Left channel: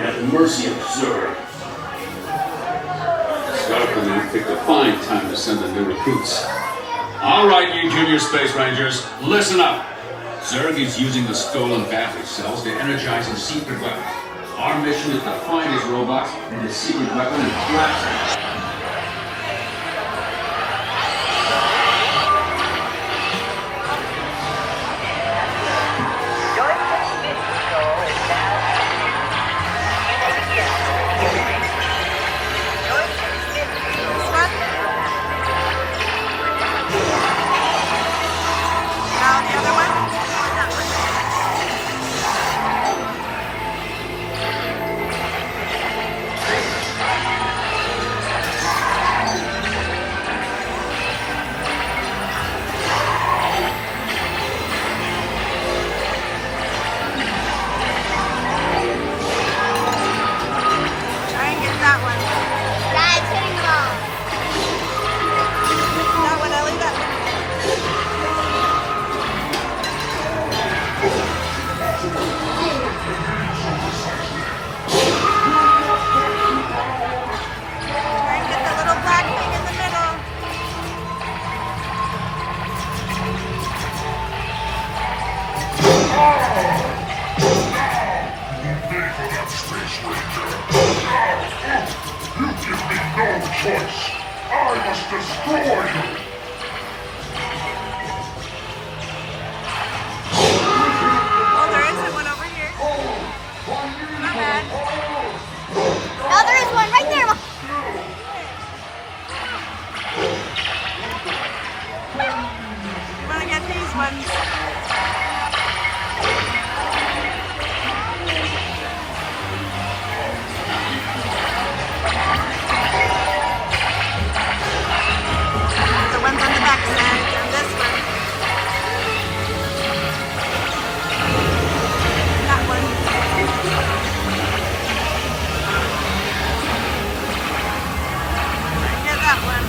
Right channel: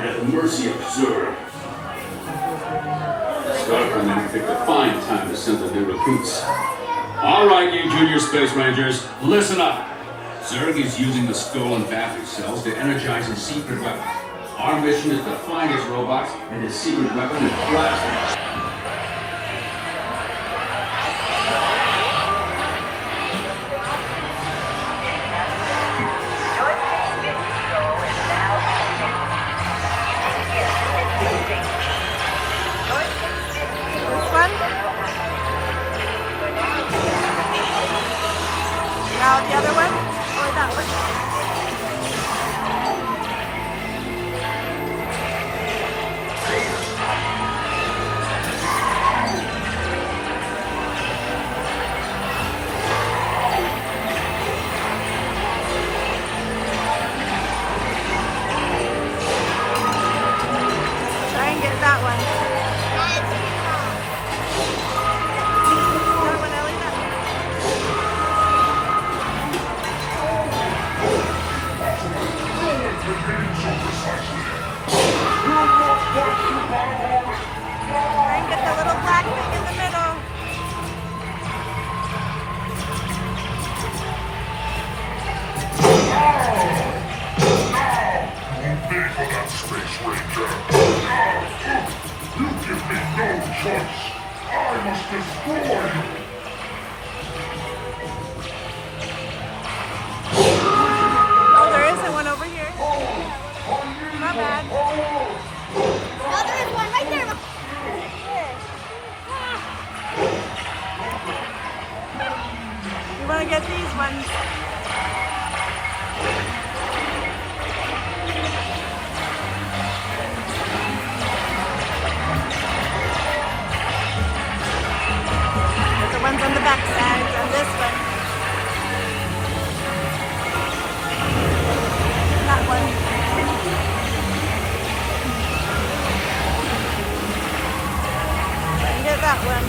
Have mercy of Zerg. Stark Command picked a fine time to send the new recruits. All right, you junior space rangers, listen up. Zerg is using the stolen battery cells to energize his secret weapon. Our mission is to find his robots and his secret weapon and blast him. Now the other one, or that one? Try and get that one. That one, Ellie, that one. Try and get the little black thing in the middle. Space Ranger. You give me no choice. I must destroy you. Oh, there isn't one over here. Not bad. Oh, there is one right there. We want to get these ones. There's the ones on the back side and this one. That one. Try and get that one.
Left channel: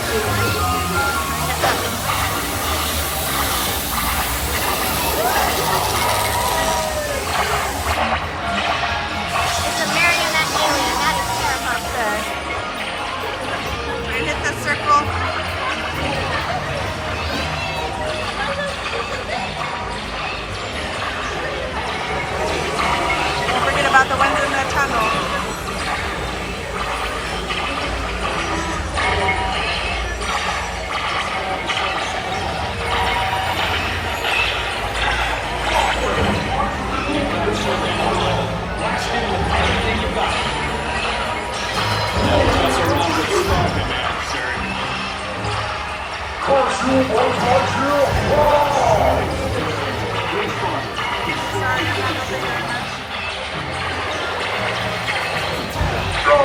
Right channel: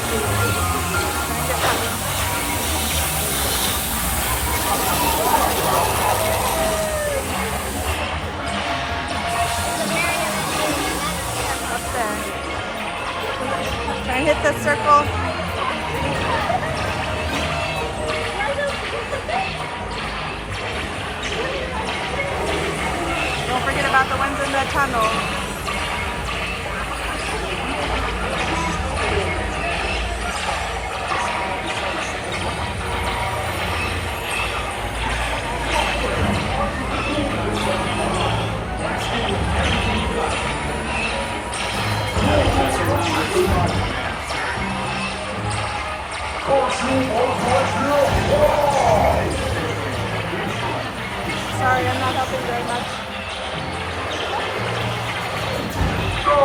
Try and get that one. There's a marionette doing that. Up there. Try and hit the circle. Don't forget about the ones in the tunnel. Sorry, I'm not helping very much. No!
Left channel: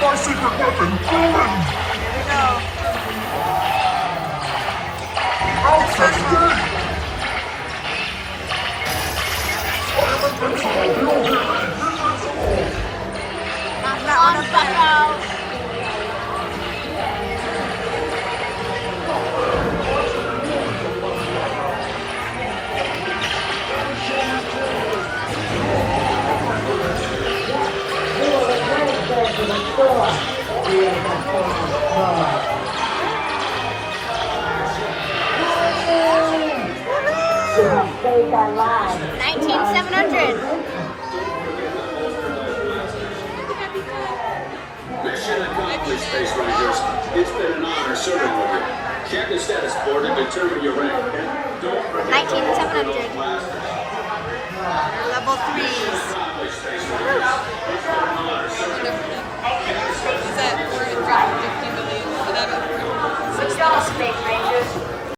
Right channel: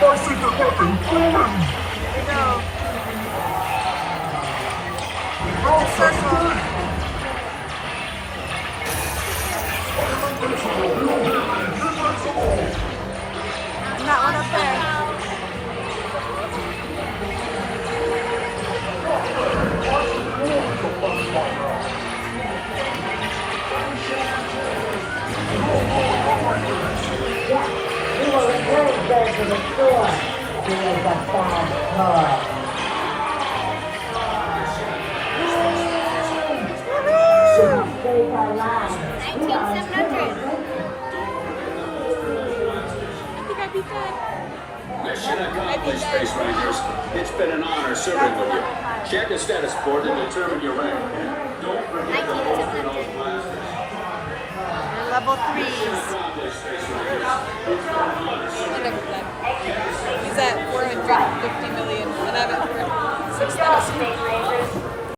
My secret weapon, Golden! Here we go. The circle. And that one up there. We will return those to the store. We are the bad toy. 19700. Mission accomplished, Space Rangers. It's been an honor serving with you. Check the status board to determine your rank. Don't forget 19700. Level 3s. accomplished.